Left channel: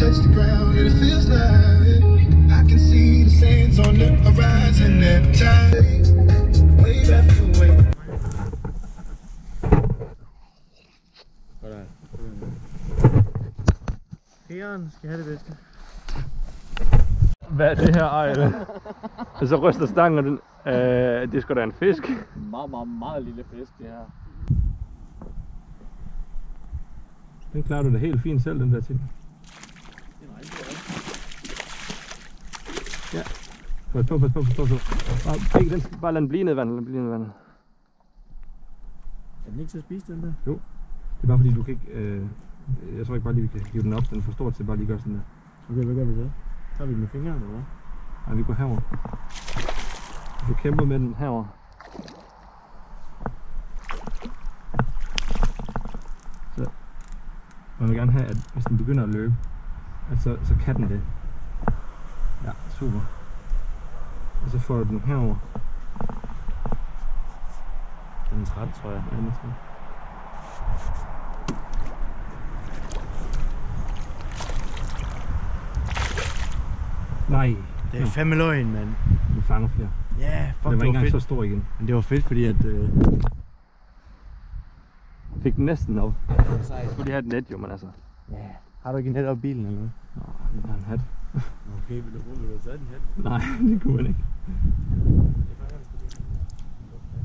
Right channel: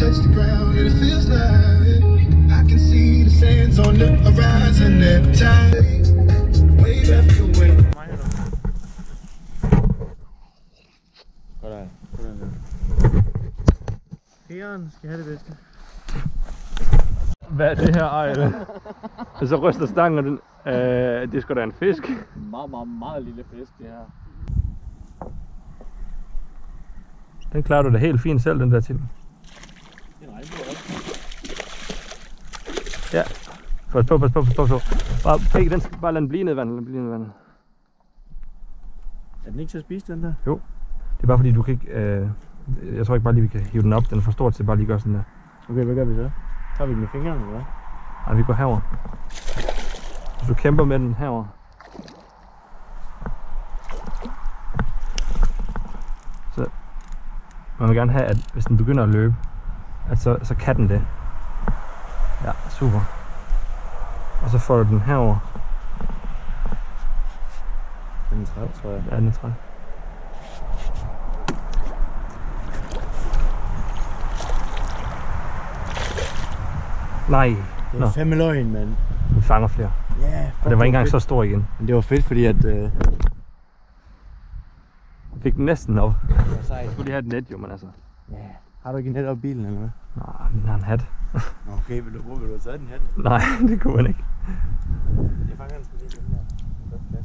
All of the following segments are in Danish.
touch the ground and it feels like I can see the sands on the horizon every time. Wave after wave. Pæren skal have det bedste. Hvad er det her, Ejle? Og så ryster stangen, og den, det er sgu da en fisk. Meget lille fisk, det her. Den klarer du da helt fint selv, den der til. Det er en regnbue, også. Ja. Pas på. Bare lad den blive ned i vandet. Er den ikke til at spise, den der? Jo. Det er bare fordi, du kan ikke... jeg tror ikke bare lige, vi kan hive den op. Den er for stor til bare lige gøre sådan der. Okay, hvad gør vi så? Tager vi den med fingrene, eller hvad? Nej, vi går herover. Hvis du kæmper med den herover. Så man vil gerne have, at hvis den begynder at løbe, at så kan den det. Ja, super. Og så får du den herover. Den er træt, tror jeg. Ja, den er træt. Nej. Det er fandme løgn, mand. Den fanger flere. Ja, og det var ikke engang så stor igen. Men det var fedt, fordi at... Fik den næsten op. Det var sejt. Jeg skulle lige have et net jo, men altså. Ja. Har du ikke en net op i bilen eller hvad? Nej, den har en hat. Okay, vil du have taget den hat? Nej, det kunne man ikke. Jeg fanger den lige den der.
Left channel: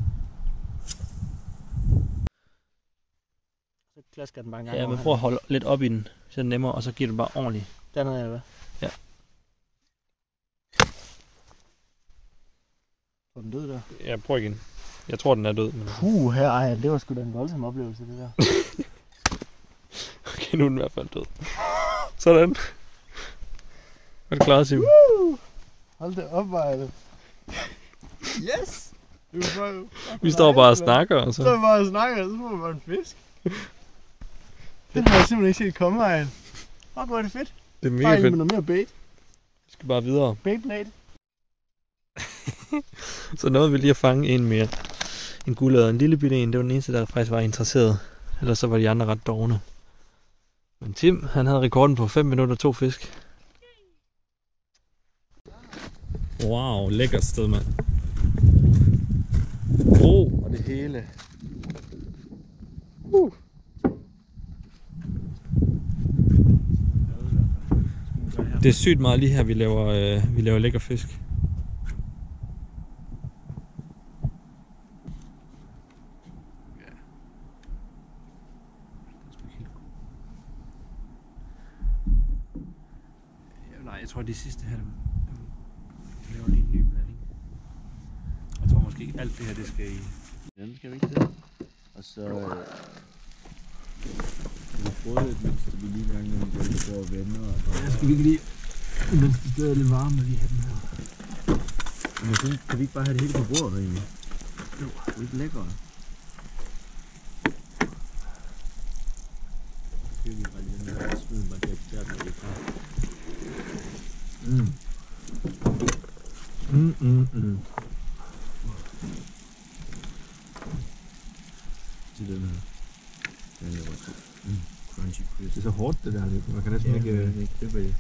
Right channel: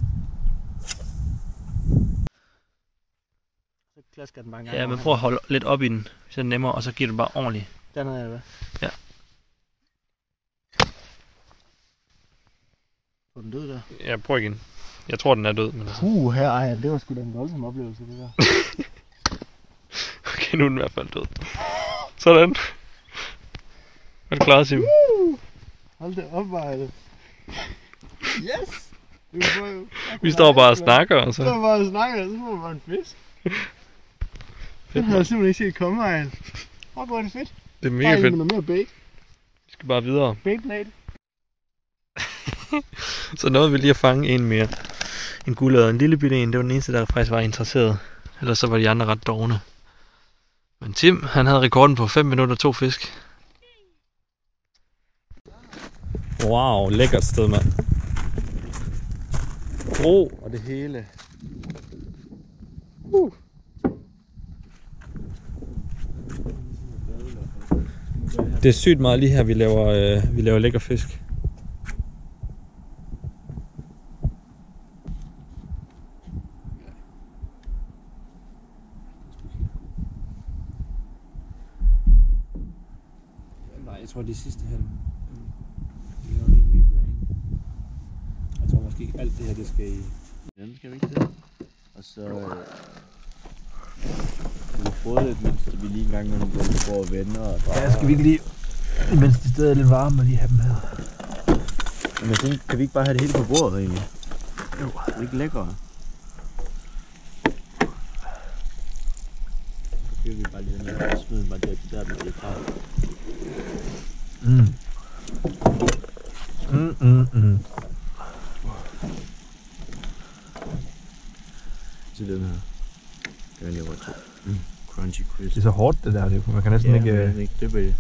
Så klasker den bare en gang. Ja, men prøv at holde lidt op i den, så er det nemmere, og så giver du bare ordentligt. Dernede er det, hvad? Ja. Er den død der? Ja, prøv igen. Jeg tror, den er død. Men Her, ej, det var sgu da en voldsom oplevelse, det der. Okay, nu er den i hvert fald død. Sådan. Er du klar, Sim? Hold det op, Ejle. Yes! Vi står bare og snakker, og så... Vi står bare og snakker, og så får vi bare en fisk. Det har jeg simpelthen ikke set komme, Ejle. Fuck, hvor er det fedt. Det er mega fedt. Med noget mere bait. Vi skal bare videre. Baitblade. Så nåede vi lige at fange en mere. En guldød, en lille bitte en. Det var den eneste, der faktisk var interesseret. Ellers så var de andre ret dovne. Men Tim, han havde rekorden på 5 minutter 2 fisk. Wow, lækkert sted, mand. Bro Og det hele. Det er sygt meget lige her, vi laver lækker fisk. Nej, jeg tror de sidste her, vi laver lige en ny blanding. Jeg tror måske ikke alt det her, det skal i. Den skal vi ikke det. Og så vi prøve lidt, mens vi lige en gang imellem går på og vender og bare... Ja, skal vi ikke lige, mens det stadig er lidt varme, lige have dem her. Men jeg tænker, kan vi ikke bare have det hele på bordet egentlig? Jo. Det er ikke lækkert. Så kører vi bare lige den her og smider bare det der, når det er klar. Til den her. Den laver crunchy crisp. Det er så hårdt det der, man kan næsten ikke... ikke dyppe i det.